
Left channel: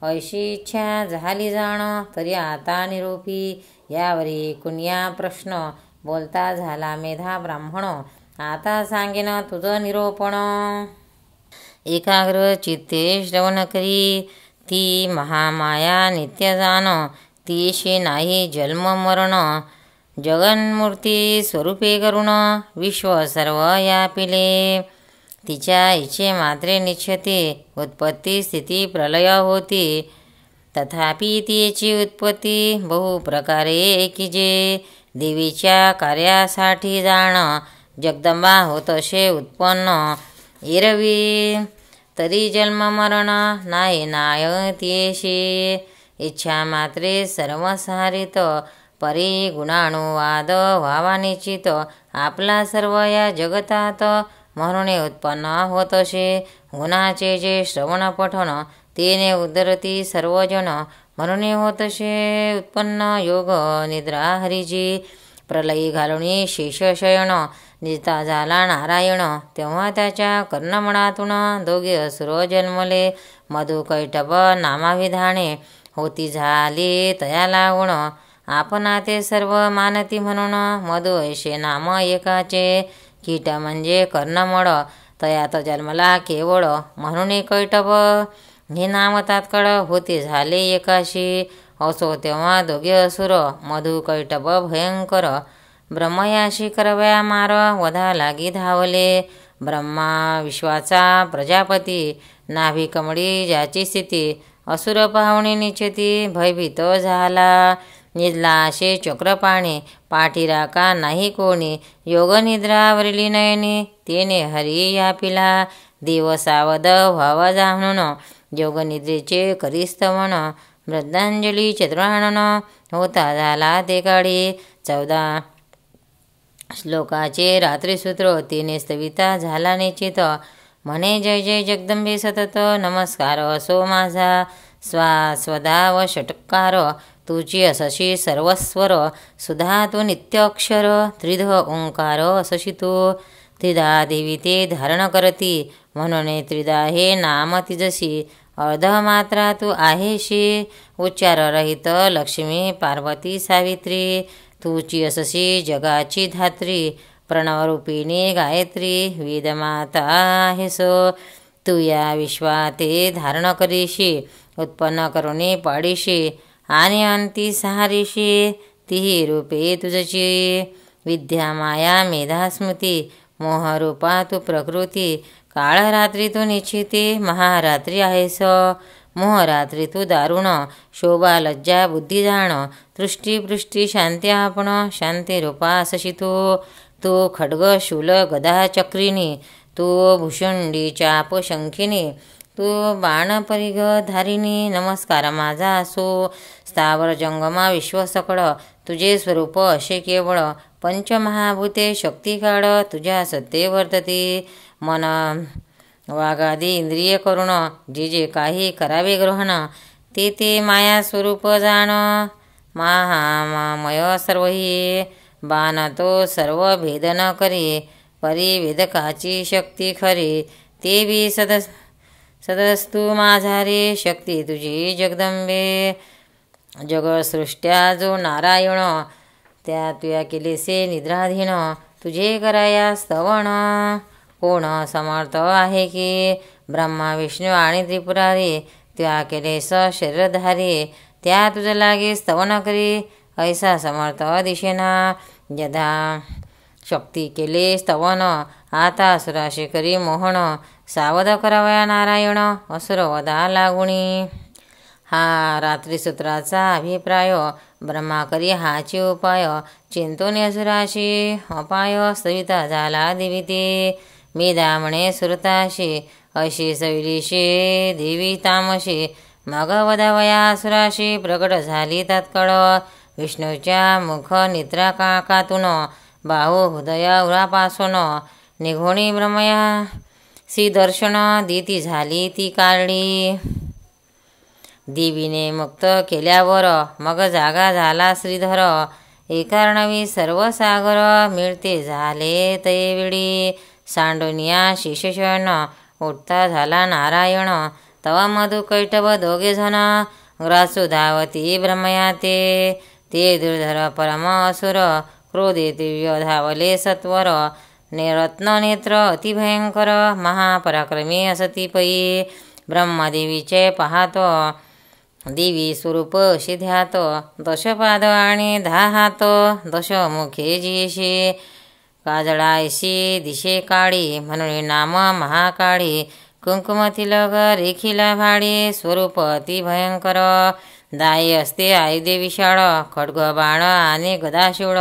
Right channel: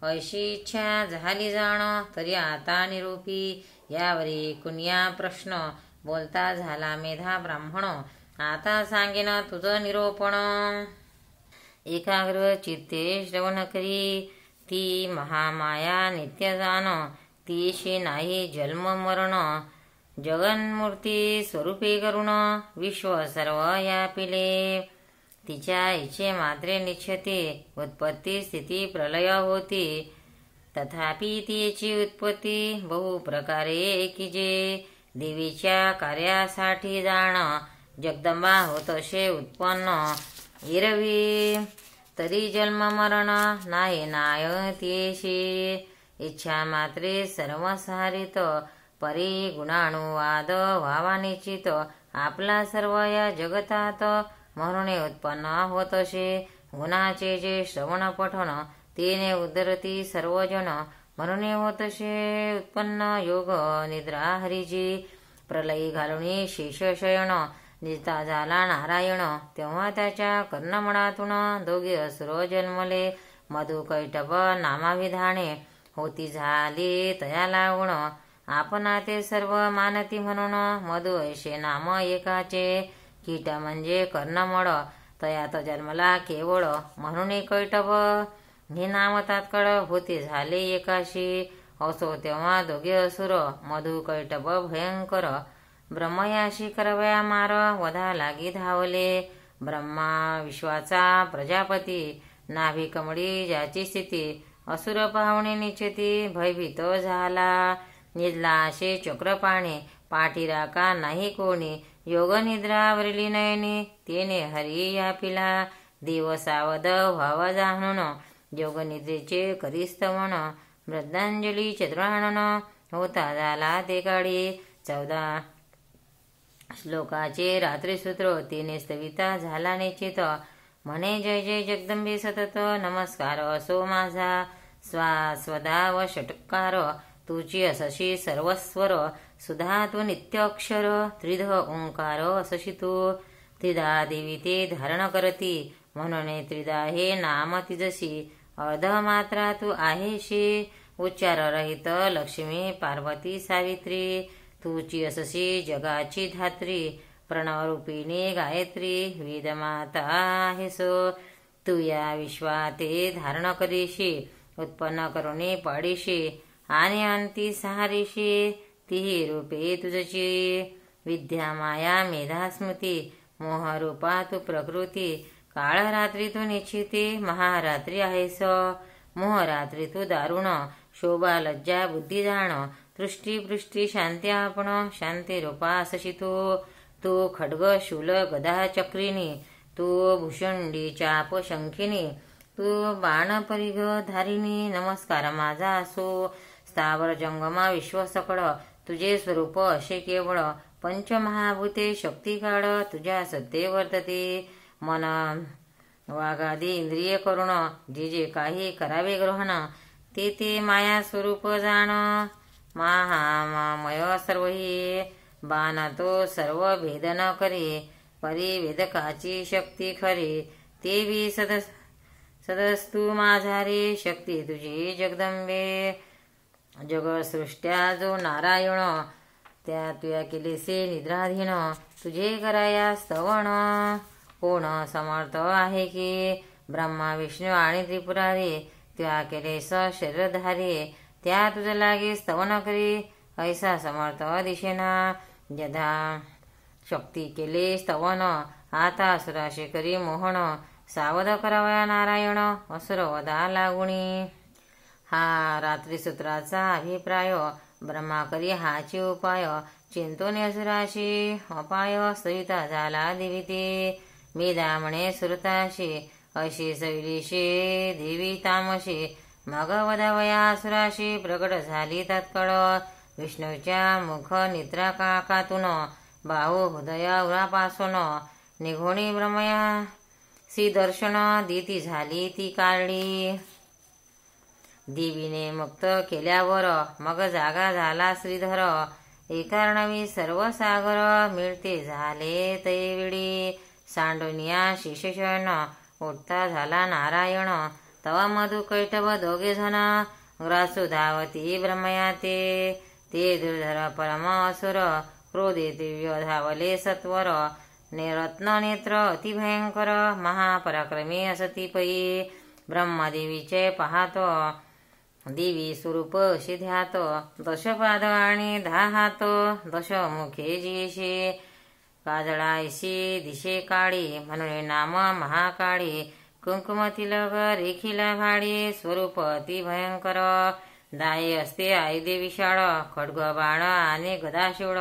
ऐशी इच्छा झाली जाण तरी आता निरोपी. यावरी कुण्या प्रश्न बोलता झाला मेधा ब्राह्मण. आता सांगेन तुझं निरोपण. एकाग्र चित्ते श्रवण करी ती महामाया नित्य जाण. तीशी नाही जन्म मरण जगन्मूर्ती स्वरूपे करुण विश्व सर्व यापिले. तिच्या इच्छे मात्रे निश्चते उत्पत्ती स्थिती प्रलय होती. तथापि तिची उत्पत्ती बहु प्रकारे एकीजे. देवीच्या कार्यासाठी जाण जगदंबा होतशे उत्पन्न. एरवी तरी जन्म मरण नाही नाय तियेशी. इच्छा मात्रे सर्वसारित परी गुणानुवाद व्हावा निश्चित. आपला सर्व या जगतात म्हणून उत्पन्न होतशे. गुणाचे जे श्रवण पठण तेने उद्धरती सर्वजन. म्हणून होतशे उत्पन्न योग निद्रा हरीजी. प्रलयी घालुनी शेषशयन जिता झाला नारायण. तेव्हा त्याच्या कर्णमळातून दोघे असुर जन्मले. मधु कैटभ नामाविधाने होती झाली तया लागुण. आपणा ते सर्व मानती म्हणून मधु ऐशे नाम एकाचे. कीट म्हणजे कर्णमळ तयात जन्मला केवळ म्हणून कैटभ हे नाम तात्काळ होते झाले एकाशी. असो तेव्हा दोघे असुर मधु कैटभ भयंकर ब्रह्मयाशी करवया मार वधा लागी धावले. ब्रह्मा विश्वाचा प्रजापती नाभी कमळी ज्याची स्थिती असुर पाहुणे निश्चिती भयभीत झाला. निजला असे चक्रपाणी पाठीराका नाही कोणी योगनिद्रावरली नयनी तेने हरी या पिला. देव सावध व्हावा जाणून योगनिद्रेचे करी स्तवन श्रद्धांजली चतुरानन होता झाला ते काळी. 14 श्लोकाचे रात्रीसूत्र तिने स्तविता झाला निश्चित म्हणे जय जय जगदंबे सतत नमस्कार असो माझा. स्वधा व षटकार तुची असशी सर्वस्वर सुधा तू नित्य अक्षर त्रिध ओंकार असशी तू. त्रिधा देवी ते धारण करती म्हणून त्रिधा हे नाम तिजशी. अर्धमात्रा तू आहेशी उच्चाररहित लक्ष्मी पार्वती सावित्री. तुची असशी जगाची धात्री प्रणवरूपिणी गायत्री वेदमाता आहेस. तू या विश्वाते धारण करीशी उत्पन्न करुणी पाडीशी आणि अंती सहारीशी. तिही रूपे तुझची विद्या माया मेधा स्मृती मोहरूपा तू प्रकृती. काळरात्री तू निश्चिती महारात्री आहेस. मोहरात्री तू दारुण शोभा लज्जा बुद्धी जाण तृष्टी पृष्टी शांती आपण शांती रूपा असशी तू. तू खड्ग शूल गदा चक्रिणी तू भुषुंडी चाप शंखिनी तू बाण परिघ धारिणी नमस्कार माझा असो. स्थावर जंगमा विश्व सकळ तुझे स्वरूप असे केवळ पंचमहाभूते शक्ती काढ तुझ्या सत्ते वर्तती. मन वागादी इंद्रिय करुण जे जे काही करावे ग्रहण ते ते माया स्वरूप जाण. महामय सर्व ही बाण तो सर्व भेदन करी परिवेदकाची शक्ती खरी. ते बी सदस्तू माझा रे शक्ती तुझी जगदंबे. जगसृष्ट्या जो नारायण त्या तुया केलेसे निद्राधीन तुझे कराया स्तवन. कोण समर्थ आहे की ब्रह्मा विष्णू आणि त्रिपुरारी त्या केलेस शरीरधारी. त्या तुझ लागे स्तवन करी ऐसा समर्थ दिशेना. यदा शक्ती केले स्तवन आता असुराशी करी मोहन. सावध करावया नारायण असुर वधा लागुणी. हा रात्रीसूत्राचा अभिप्राय. ब्रह्मा करी हाची उपाय चिंतून असुराशी अपाय. सविता झाला दिविती मेधा म्हणे सुरताशी अशी सविलीशी देवी तामशी. मग वधावया असुराशी प्रकट झाली तत्काळ. विष्णूच्या मुख निद्रा काकातून बाहू हृदय उरापासून निघोणी ब्रह्मया सी दर्शन दिती झाली ती काळी. देवीने मुक्त केल्यावर मग जागा झाला श्रीधर. एकार्णवी सर्व सागर मिळते झाले तैवेळी. सांडोनिया शिशशन उठता झाला नारायण. तवा मधु कैटभ दोघे जण ग्रासू धावती ब्रह्मया ते. ते दुर्धर परम असुर क्रोधे दिव्य धावले सत्वर. रत्न नेत्र अतिभयंकर महापराक्रमी असती पै. ब्रह्मदेवीचे पाहतो देवी स्वरूप अशी ध्यात. दशपाद आणि 10 हात दशमुखे जिशी. काजळायशी दिशे काळी म्हणून नाम महाकाळी. कुंकुम तिलक रेखिला भाडी स्वरूप अति भयंकर. दाई असते आयुधे विशाळ खड्ग बाण आणि गदाशूळ.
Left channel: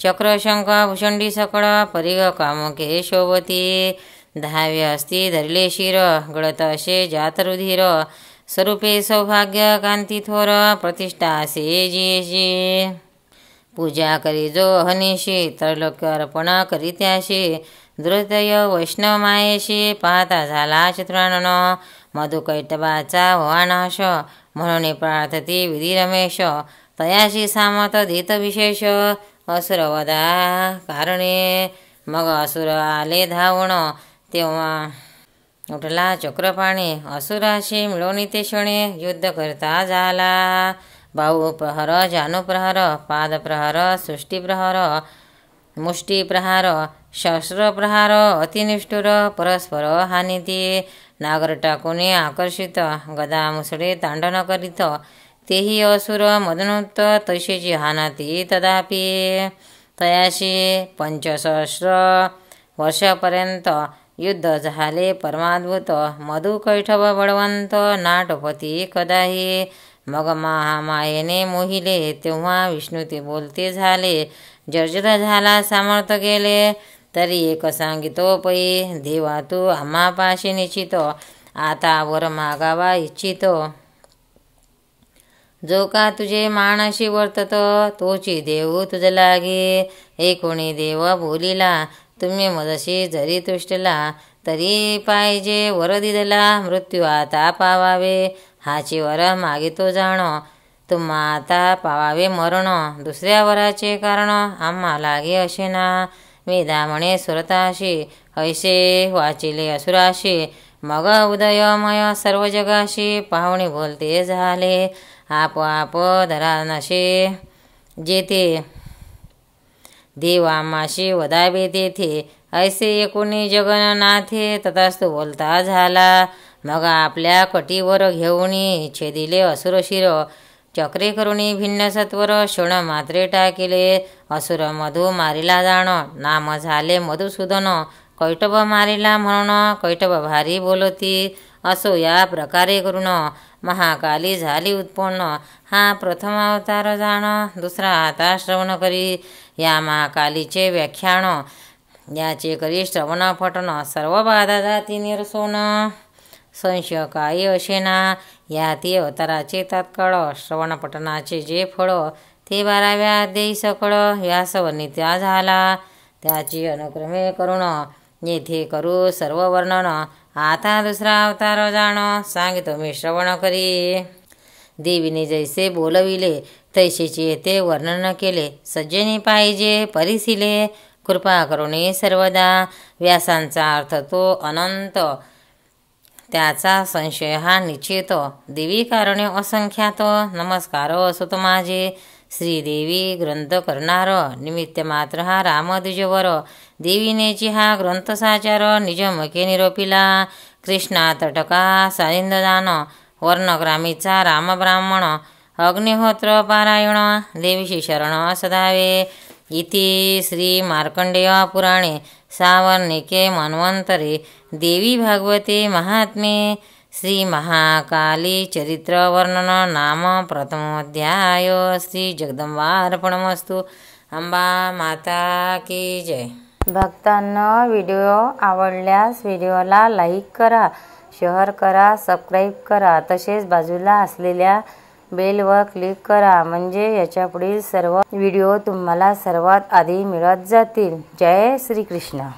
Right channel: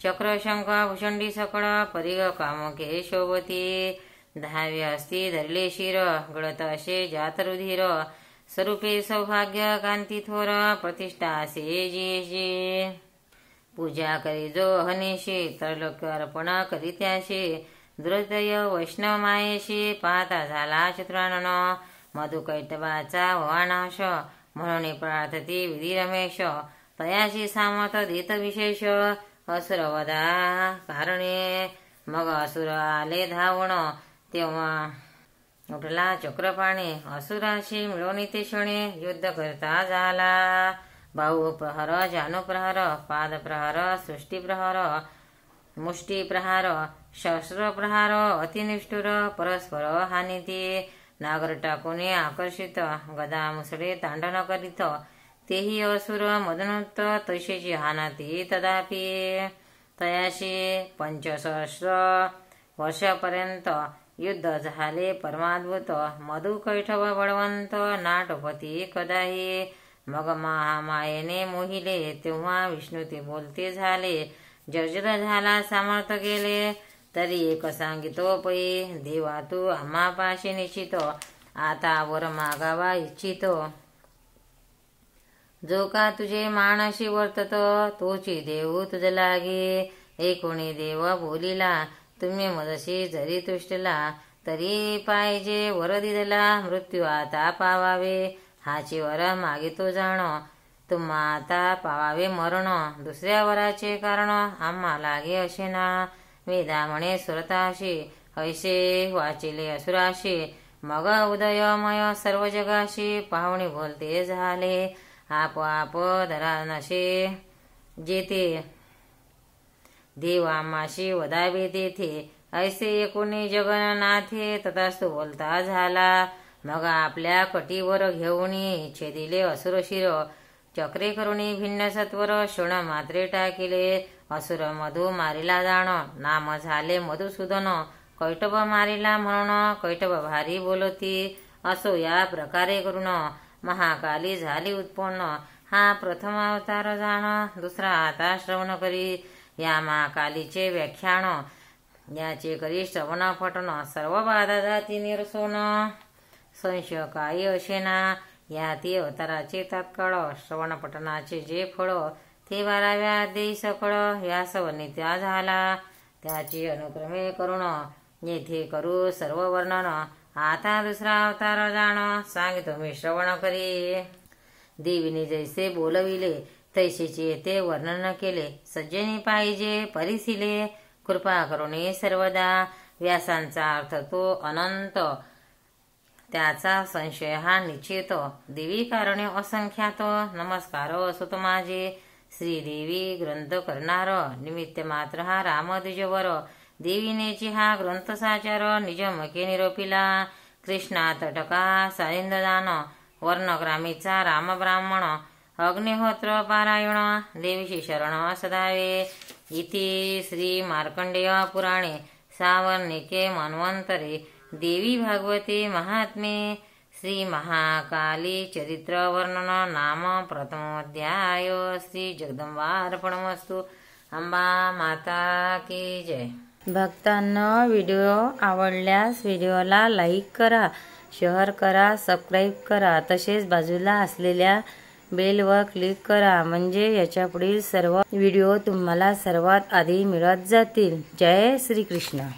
चक्र शंख भुषंडी सकळ परिघ कामुके शोभती. 10वे असती धरले शिर गळत असे जात रुधिर. स्वरूपे सौभाग्य कांती थोर प्रतिष्ठा असे जियेशी. पूजा करी जो हनीशी त्रैलोक्य अर्पण करी त्याशी. दुर्दय वैष्णव मायेशी पाहता झाला चतुरानन. मधुकैटभाचा व्हा नाश म्हणून प्रार्थती विधी रमेश. तयाशी सामत देत विशेष असुर वधा कारणे. मग असुर आले धावण तेव्हा उठला चक्रपाणी. असुराशी मिळवणी ते क्षणे युद्ध करता झाला. बाहू प्रहर जानुप्रहर पादप्रहर सृष्टीप्रहर मुष्टीप्रहार शस्त्रप्रहार अतिनिष्ठुर परस्पर हानिती. नागर टाकून आकर्षित गदा मुसळे तांडण करीत. तेही असुर मदनुत्त तैशीची हानती तदापि. तयाशी 65 वर्षापर्यंत युद्ध झाले परमाद्भुत. मधु कैठव बळवंत नाटपती कदाही. मग महामायेने मोहिले तेव्हा विष्णू ते बोलते झाले. जर्जर झाला सामर्थ गेले तरी एक सांगितो पै. देवा तू आम्हा पाशी निश्चित आता वर मागावा इच्छितो. जो का तुझे मानशी वर्तत तोची देऊ तुझ लागे. कोणी देव बोलिला तुम्ही मजशी जरी तुष्टला. तरी पाहिजे वर दिदला मृत्यू आता पावावे. हाची वर मागितो जाण तुम्हा आता पावावे मरण. दुसऱ्या वराचे कारण आम्हा लागे असे ना. वेदा म्हणे सुरताशी ऐसे वाचिले असुराशी. मग उदयमय सर्व जगाशी पाहुणे बोलते झाले. आप धरा नशे जेथे देव आम्हाशी वदावे तेथे. ऐसे एकोणी जगन्नाथे तथास्तु बोलता झाला. मग आपल्या कटीवर घेऊनी छेदिले असुर शिर. चक्रे करुणी भिन्न सत्वर क्षण मात्रे टाकिले. असुर मधु मारिला जाण नाम झाले मधुसूदन. कैटभ मारिला म्हणून कैटभ भारी बोलती. असो या प्रकारे करून महाकाली झाली उत्पन्न. हा प्रथम अवतार जाण दुसरा आता श्रवण करी. या महाकालीचे व्याख्यान याचे करी श्रवण पठण. सर्व बाधा जाती निरसोन संशय काही असेना. या ती अवताराचे तात्काळ श्रवण पठणाचे जे फळ ते 12व्या अध्यायी सकळ व्यासवर्णिता झाला. त्याची अनुक्रमे करून येथे करू सर्व वर्णन. आता दुसरा अवतार जाण सांगितो मी श्रवण करी. देवीने जैसे बोलविले तैसेचे येथे वर्णन केले. सज्जनी पाहिजे परिसिले कृपा करुणी सर्वदा. व्यासांचा अर्थ तो अनंत त्याचा संशय हा निश्चित. देवी कारणे असंख्यात नमस्कार असोत माझे. श्रीदेवी ग्रंथ करणार निमित्त मात्र हा रामद्विजवर. देवीनेची हा ग्रंथ साचार निजमके निरोपिला. कृष्णा तटका सानिंददान वर्णग्रामीचा राम ब्राह्मण. अग्निहोत्र पारायण देवीशी शरण सदावे. इति श्री मार्कंडेय पुराणे सावर्णिके मन्वंतरे देवी भागवते महात्म्ये श्री महाकाली चरित्र वर्णन नाम प्रथमोध्याय. श्री जगदंबार्पणमस्तु. अंबा माता की जय. भक्तांनो, व्हिडिओ आवडल्यास व्हिडिओला लाईक करा, शेअर करा, सबस्क्राईब करा. तसेच बाजूला असलेल्या बेलवर क्लिक करा म्हणजे याच्यापुढील सर्व व्हिडिओ तुम्हाला सर्वात आधी मिळत जातील. जय श्री कृष्ण.